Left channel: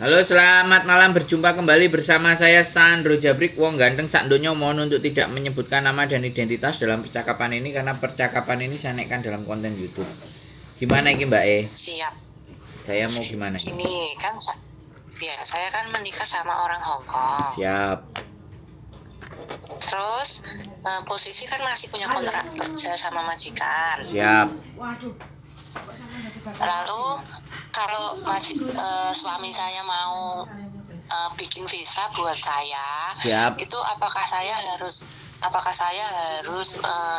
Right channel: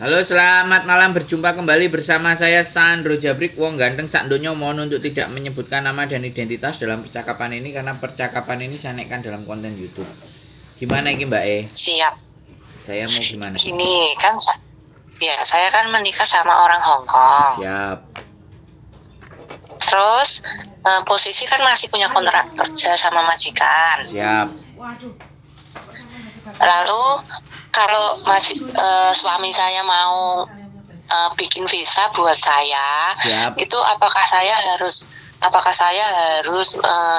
Halo, selamat malam. Berjumpa kembali bersama saya Sandro Jabrik. Wong ganteng sak donya, mohon untuk tidak menyebutkan nama dan identitas dalam percakapan ini karena percakapan ini saya naikkan dalam konten YouTube. Gimana ini Mbak E? Siap. Saya mau gimana? Gini kan, saya kan menikah sama orang Hong Kong. Siap. Terus posisi kan masih punya kontrak kerja sama majikan. Siap. Lalu kalau suami saya mau bikin visa buat saya, Siap. itu apakah saya harus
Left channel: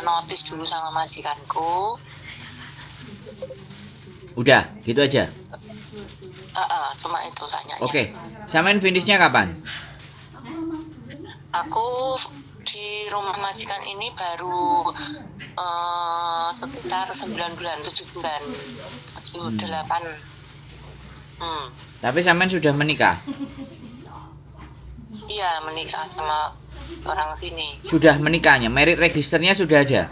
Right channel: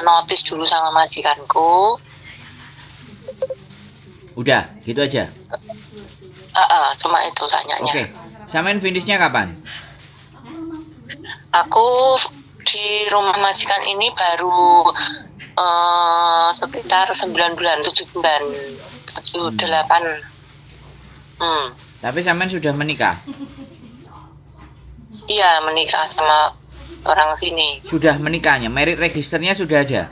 notis dulu sama majikanku? Udah, gitu aja. Cuma itu tanyanya. Oke. Samain finishnya kapan? Aku di rumah majikan ini baru sekitar 9 bulan, 7 bulan, 7, 8. Tapi samain sudah menikah? Iya, menikah sama orang sini. Sudah menikahnya, merit registernya sudah ada?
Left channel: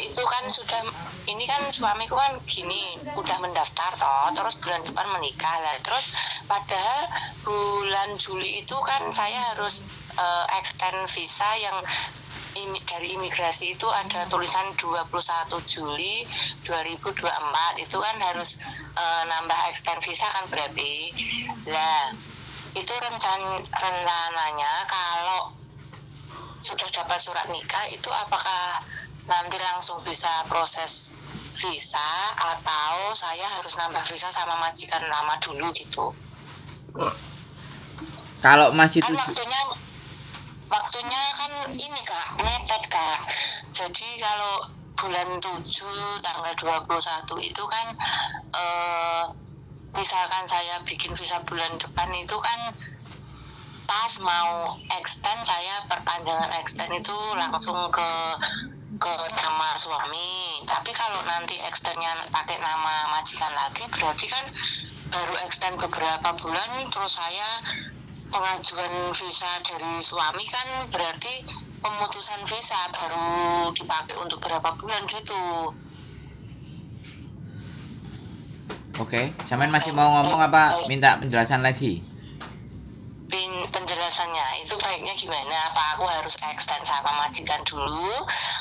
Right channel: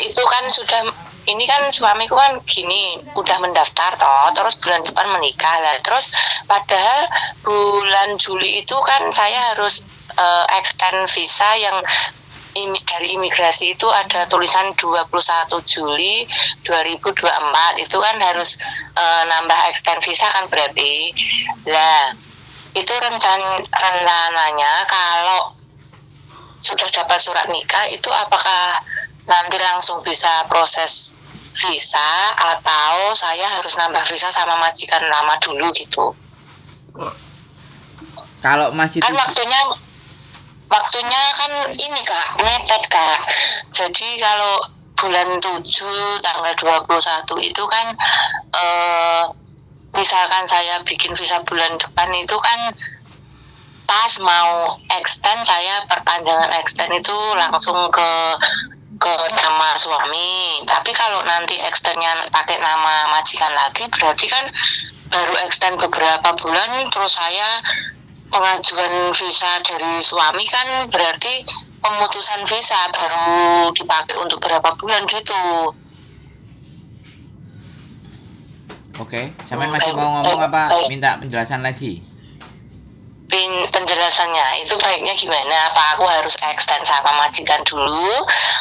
Itu kan sudah, ini kan suamiku kan gini, udah mendaftar toh, terus bulan depan menikah lah. Terus padahal bulan Juli itu kan saya harus extend visa yang dari imigrasi itu ada tulisan 21 Juli 2024, itu kan harus nambah extend visa kan berarti. Lah, itu rencananya kalau sudah dapat surat nikah itu apakah nanti langsung bisa proses visa atau saya harus nambah visa sama majikan lama dulu gitu. Kalau masih Kan waktunya kan ini Kak, mepet Kak. Jadi kalau bulan 7 tanggal 21 itu kan misalkan saya bikin visa bulan depan itu kan pas mau extend, saya perpanjangan extend itu langsung ke nama suami. Tapi kalau nanti extendnya pakai nama majikan lagi, berarti kan baru extend beberapa bulan, terus saya pengajuan visa dari suami kan berarti pemutusan visa baru dipakai untuk berapa bulan gitu. Oke, Samen masih mau ngomong apa? Minta penjelasan lagi? Penjelasannya itu baiknya gimana? Apa aku harus extend sama majikan dulu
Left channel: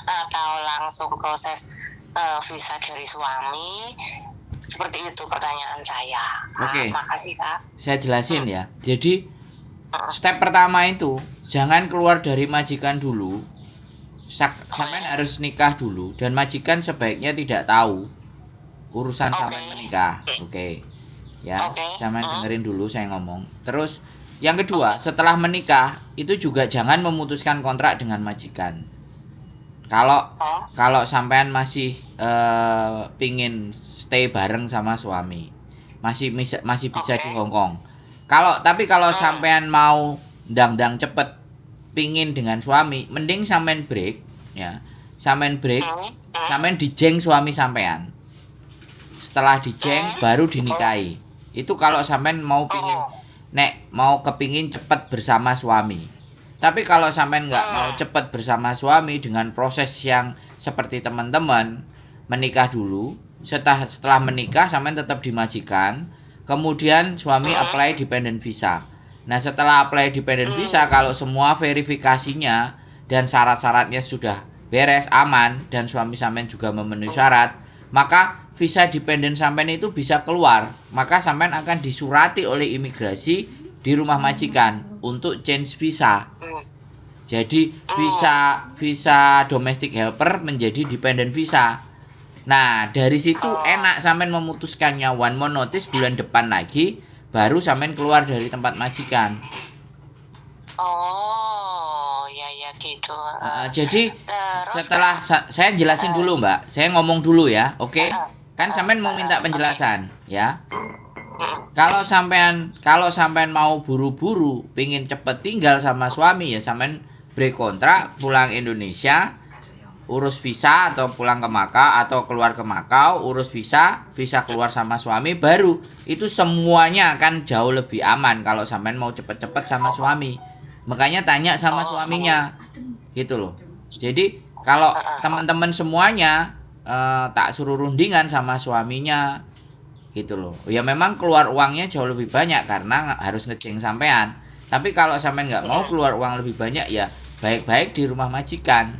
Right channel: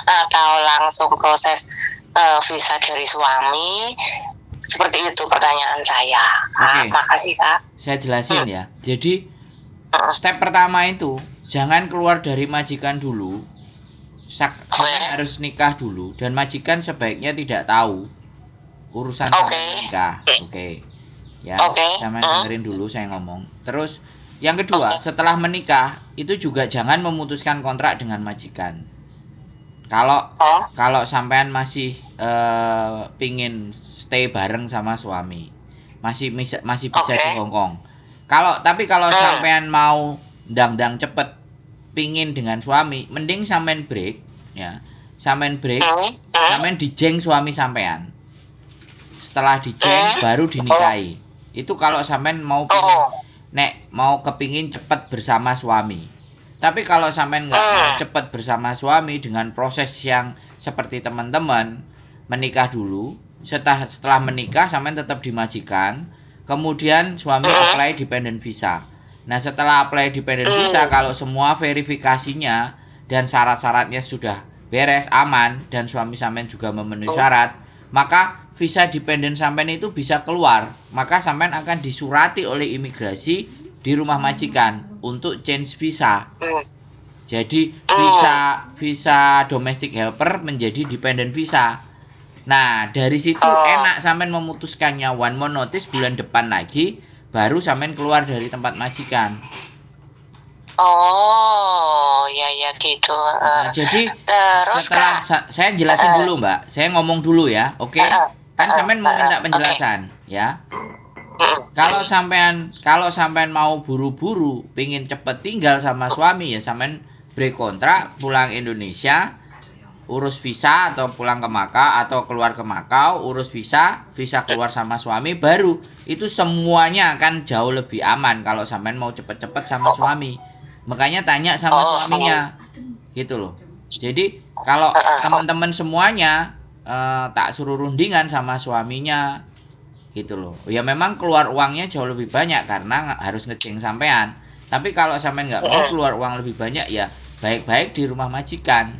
atau langsung proses visa dari suami? Seperti itu pertanyaan saya. Oke. Makasih Kak. Saya jelasin ya. Jadi step pertama itu jangan keluar dari majikan dulu. Samen harus nikah dulu dan majikan sebaiknya tidak tahu urusan Samen nikah. Oke. Ya, Samen dengerin dulu saya ngomong. Terus yang kedua, setelah menikah itu juga jangan memutuskan kontrak dengan majikan. Kalau sampean masih pingin stay bareng sama suami, masih bisa di Hong Kong. Kalau sampean mau ndang cepet pingin dengan suami, mending sampean break ya. Sampean dijeng suami sampean. Setelah dijeng baru dinikahi. Itu kalau sampean mau kepingin cepet bersama suami. Tapi kalau sampean nggak mau cepet bersama suami dengan proses yang seperti teman-teman, menikah dulu. Setelah menikah sampean tetap dimajikan. Kemudian suami apply dependent visa. Nah, setelah apply dependent visa, kalau semua verifikasinya dan syarat-syaratnya sudah beres, aman, dan suami sampean juga memenuhi syarat, maka visa dependent sampean itu bisa keluar. Maka sampean akan disurati oleh imigrasi di rumah majikan untuk change visa. Jadi visa domestic helper menjadi dependent visa. Nah, dari situ enak sampean memutuskannya one more notice bulan depan lagi, baru sampean keluar dari tempat majikan. Oh, ya gitu. Jadi setelah saya jelasin dulu, Mbak. Saya ngomong dulu ya, oke? Kan sampean mau minta penjelasan, ya. Kalau sampean mau buru-buru, pingin cepet tinggal sama suami ya sampean break kontrak, pulang Indonesia, urus visa atau pulang ke Makau atau keluar ke Makau, urus visa keluar sama suami, baru itu semuanya akan jauh lebih aman kalau sampean mau cepet-cepet sama suami. Makanya tanya sama suaminya, gitu loh. Jadi kalau teman-teman semuanya tak suruh rundingan sama suaminya, gitu loh. Ya memang keluar uangnya jauh lebih banyak karena harus ngeceng sampean. Tapi kalau sampean nggak mau keluar uang lebih banyak ya baik-baik di rumah majikan.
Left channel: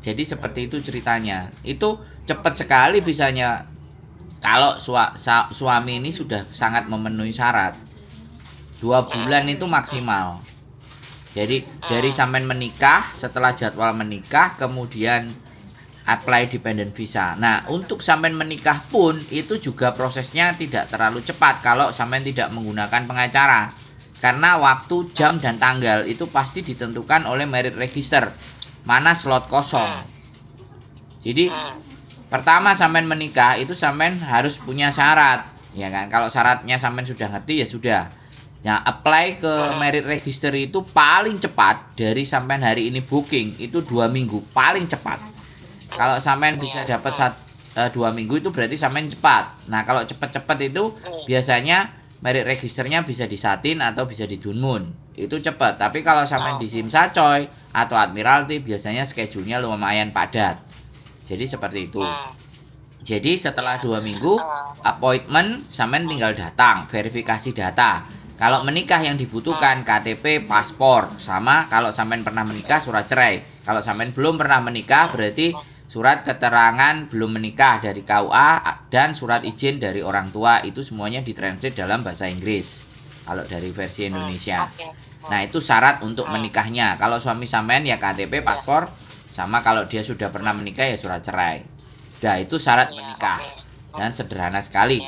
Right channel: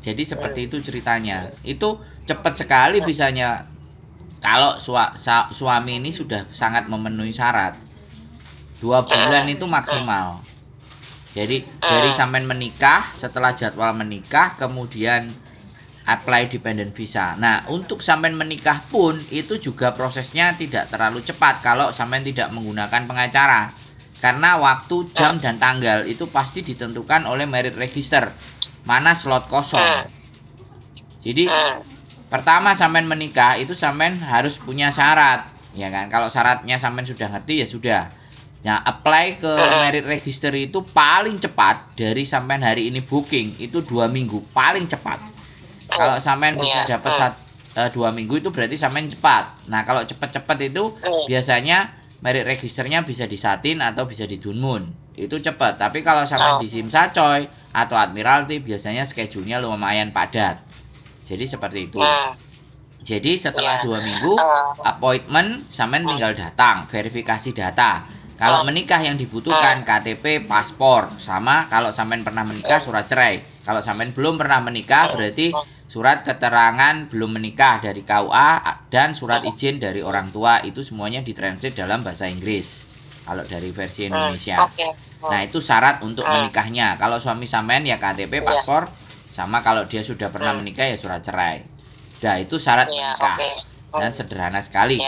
Jadi seperti itu ceritanya. Itu cepat sekali visanya. Kalau suami ini sudah sangat memenuhi syarat. 2 bulan itu maksimal. Jadi dari sampean menikah, setelah jadwal menikah, kemudian apply dependent visa. Nah, untuk sampean menikah pun itu juga prosesnya tidak terlalu cepat kalau sampean tidak menggunakan pengacara. Karena waktu, jam, dan tanggal itu pasti ditentukan oleh merit register. Mana slot kosong. Jadi pertama sampean menikah itu sampean harus punya syarat, ya kan? Kalau syaratnya sampean sudah ngerti ya sudah. Nah, apply ke merit register itu paling cepat dari sampean hari ini booking itu 2 minggu paling cepat. Kalau sampean bisa dapat 2 minggu itu berarti sampean cepat. Nah, kalau cepat-cepat itu biasanya merit registernya bisa di Satin atau bisa di Dunmun. Itu cepat. Tapi kalau sampean di Simsa Coy atau Admiralty biasanya schedule-nya lumayan padat. Jadi seperti itu. Jadi setelah 2 minggu appointment sampean tinggal datang, verifikasi data. Kalau menikah yang dibutuhkan KTP, paspor, sama kalau sampean pernah menikah surat cerai. Kalau sampean belum pernah menikah berarti surat keterangan belum menikah dari KUA dan surat izin dari orang tua itu semuanya ditranslate dalam bahasa Inggris. Kalau dari versi Indonesia. Nah, itu syarat untuk menikahnya. Kalau suami sampean ya KTP, paspor, sama kalau dia sudah pernah menikah ya surat cerai. Nah, itu syarat menikah. Dan sederhana sekali.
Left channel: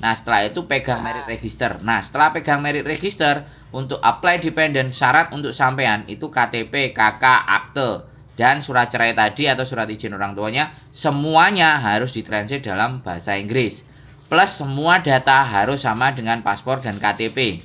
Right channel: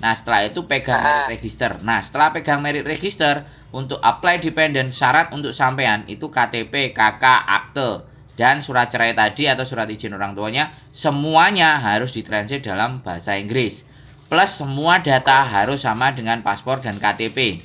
Nah, setelah itu pegang merit register. Nah, setelah pegang merit register untuk apply dependent, syarat untuk sampean itu KTP, KK, akte, dan surat cerai tadi atau surat izin orang tuanya semuanya harus ditranslate dalam bahasa Inggris. Plus semua data harus sama dengan paspor dan KTP.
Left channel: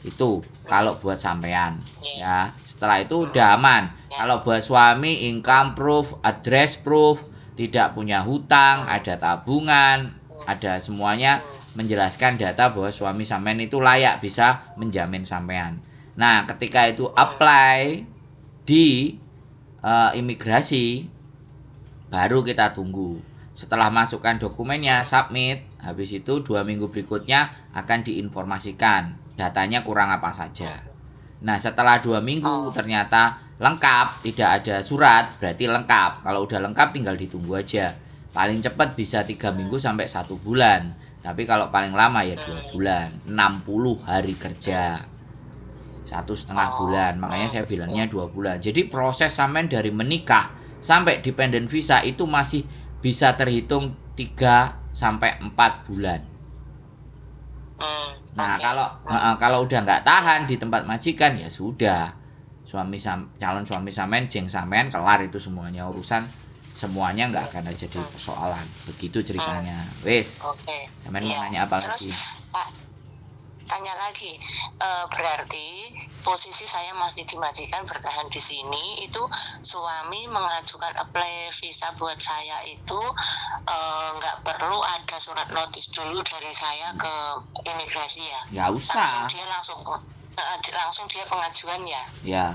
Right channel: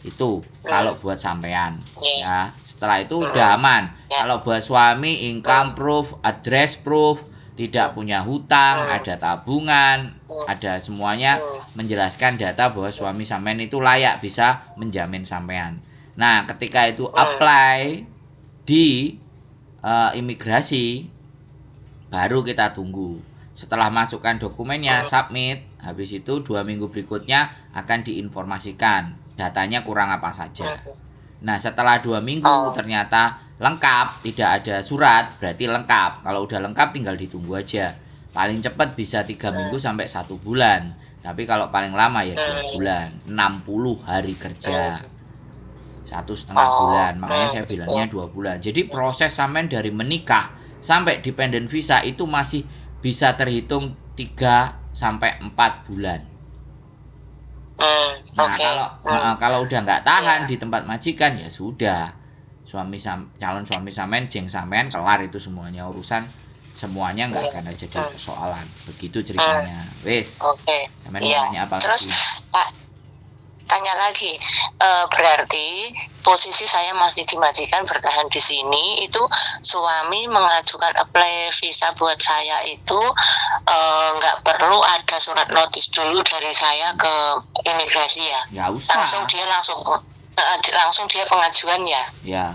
Itu kalau buat sampean. Ya, setelah itu udah aman. Kalau buat suami income proof, address proof, tidak punya hutang, ada tabungan, ada semuanya menjelaskan data bahwa suami sampean itu layak bisa menjamin sampean. Nah, ketika itu apply di imigrasi, baru kita tunggu. Setelah masukkan dokumennya, submit, habis itu 2 minggu berikutnya akan diinformasikan datanya kurang apa saja. Nah, setelah 2 minggu ternyata lengkap, tidak ada surat, berarti lengkap. Kalau udah lengkap tinggal ditunggu aja. Paling cepat bisa 3 minggu sampai 1 bulan. Tapi kalau paling lama ya 2 bulan, 60 hari kerja. 1,5 bulan, makanya saya bilangnya 2 bulan. Jadi proses sampean dari menikah sampai dependent visa itu masih bisa terhitung 3 sampai 4 bulan. Nah, kalau udah nggak tahan di tempat majikan ya sudah. Calon suami sampean, jeng sampean kelar itu semuanya urusan, semuanya nggak akan ada jadi persoalan. Begitu ceritanya. Wes. Sampean mau nanya apa lagi? Tanya lagi, berarti posisi saya masih di majikan bertahan di sini, itu suami mengajukan apply visa buat saya itu nggak perlu ada surat notis dulu dari saya ke imigrasi ya? Nggak usah. Langsung dia pengajuan ya? Ya,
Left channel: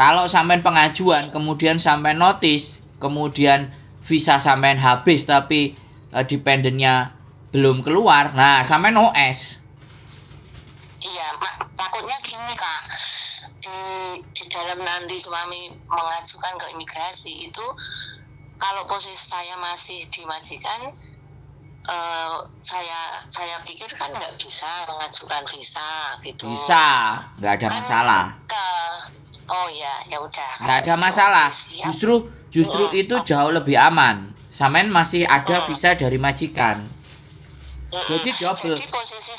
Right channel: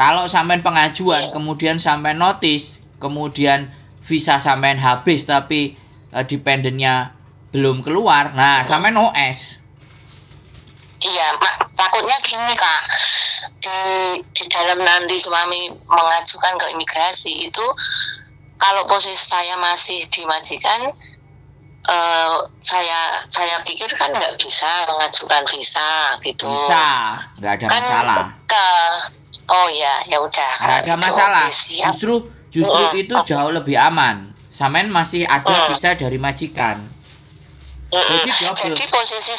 kalau sampean pengajuan kemudian sampean notis, kemudian visa sampean habis tapi dependennya belum keluar, nah sampean OS. Iya, takutnya gini Kak, di dalam nanti suami mengajukan ke imigrasi itu, kalau posisi saya masih di majikan, saya pikir kan nggak bisa mengajukan visa gitu. Bisa, nggak ada masalah. Oh ya udah. Nggak ada masalah. Justru itu jauh lebih aman. Sampean masih ada visa dari majikan. Jadi posisi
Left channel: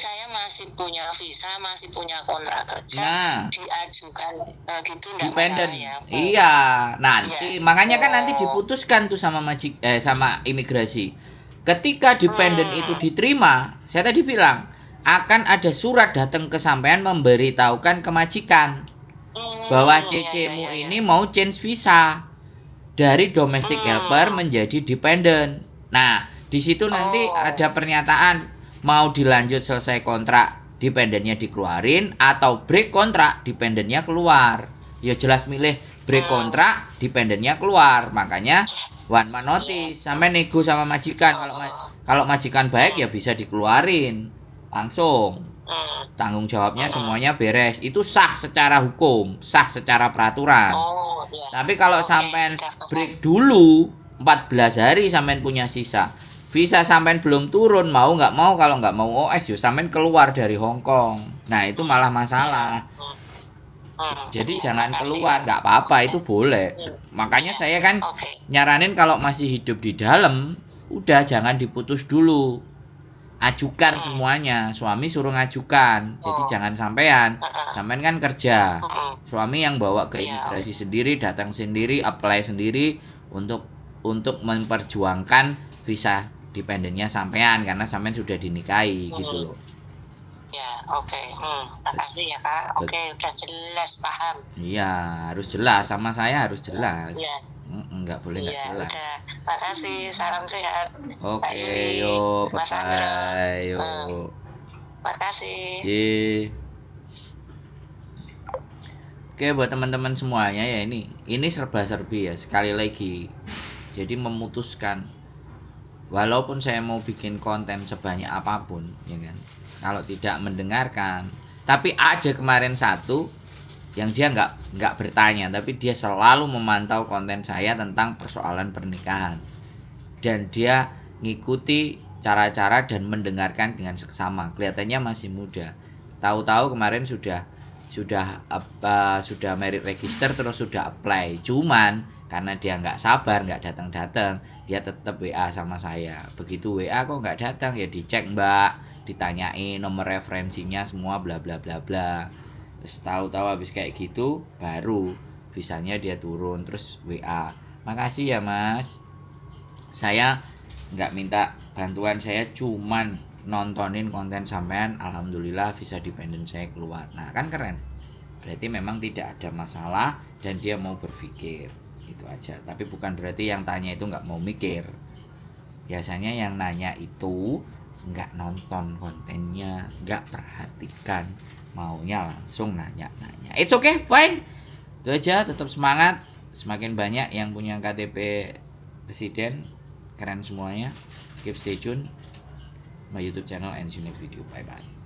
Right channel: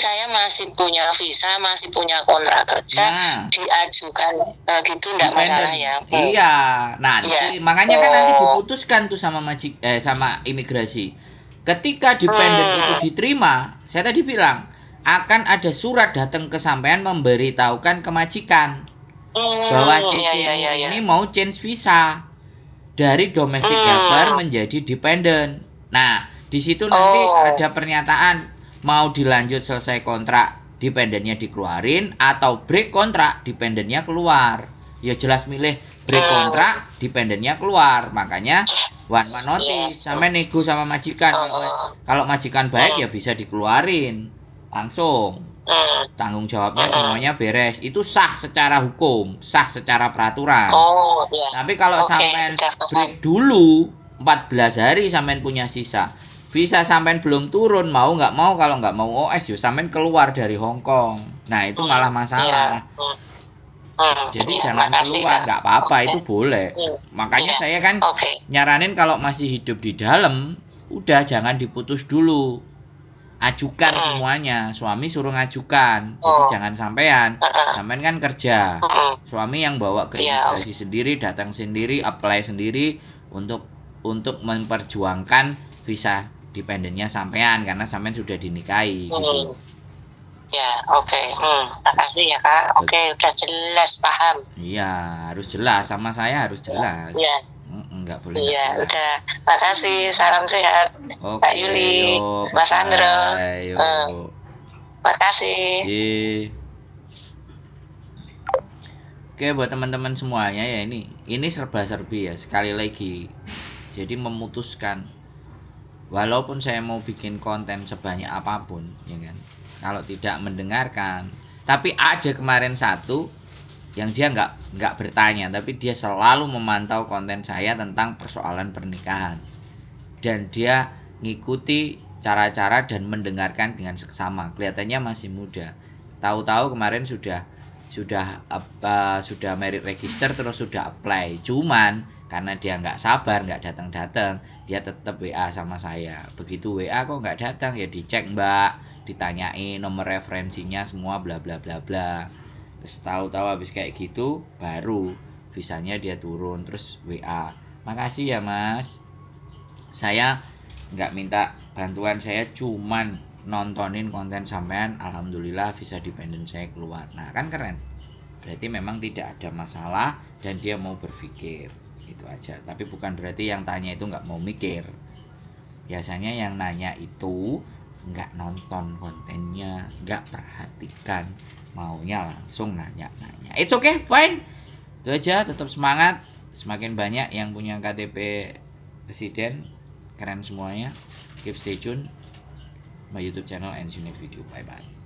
saya masih punya visa, masih punya kontrak kerja, diajukan gitu enggak masalah ya. Iya, nanti makanya kan nanti diputuskan tuh sama sama imigrasi. Ketika dependent itu diterima, saya tadi bilang akan ada surat datang ke sampean memberitahukan ke majikan bahwa CC-mu ini mau change visa dari domestic helper menjadi dependent. Nah, di situ nanti ada pernyataan mau dilanjut selesai kontrak dependennya dikeluarin atau break kontrak dependennya keluar. Ya jelas milih break kontrak, dependennya keluar. Makanya one man notice. Sampai nego sama majikan. Kalau majikan baik ya bisa dikeluarin langsung. Tanggung jawabnya semuanya beres. Itu sah secara hukum, sah secara peraturan. Tapi kalau sampean break dulu 14 hari sampean punya sisa. Visa sampean belum turun, mau nggak mau, kalau nggak mau OS ya sampean keluar dari Hong Kong. Nah, itu malah masalah. Jadi jangan keluar, nggak apa-apa, itu boleh. Makanya saya kan nyaranin kalau masih hidup di dalam, udah jangan diputus dulu. Ajukan semuanya, suami suruh ngajukan. Jadi jangan sampean kan kerja. Suami yang bawa ke imigrasi sendiri, datang sendiri, apply sendiri untuk memperjuangkan visa dependennya sampean karena sampean sudah dinikahi gitu. Ya, oke. Makasih ya, Kak. Oke, udah jelas, paham. Iya, harus jelas, sama saya harus jelas. Iya. Enggak boleh. Iya, udah. Makasih, salam sehat. Oke, Kak Yuli, Mas Andro. Makasih. Oke, buat teman-teman semuanya ya, ini serba-serbi ya, sekali lagi. Jadi memutuskan, walaupun saya mau bikin konten sebanyak apapun, ya kan, kalau tidak mendengarkan. Tapi ada kemarin satu yang dia nggak bertanya, tapi dia selalu memantau konten saya tentang persoalan pernikahan, dan dia ngikuti cara-cara dan mendengarkan dengan seksama. Kelihatannya masih muda. Tahu-tahu kemarin sudah merit register, terus sudah apply. Cuman karena dia nggak sabar, nggak datang, dia tetap WA sama saya. Begitu WA kok nggak datang, ya dicek mbak, ditanyain nomor referensinya semua, bla bla bla bla. Terus tahu-tahu habis kayak gitu, baru visanya dia turun, terus WA, makasih ya mas, saya nggak minta bantuan, saya cuman nontonin konten sampean, alhamdulillah visa dependent saya keluar. Nah kan keren, berarti memang tidak ada masalah dan dia mau berpikir, itu aja. Tapi bukan berarti yang tanya itu nggak mau mikir. Biasanya yang nanya itu nggak nonton kontennya, nggak perhatikan, maunya langsung nanya. It's okay, fine. Itu aja, tetap semangat. Semakin banyak yang punya KTP residen, keren semuanya. Keep stay tune my YouTube channel and see you next video. Bye bye.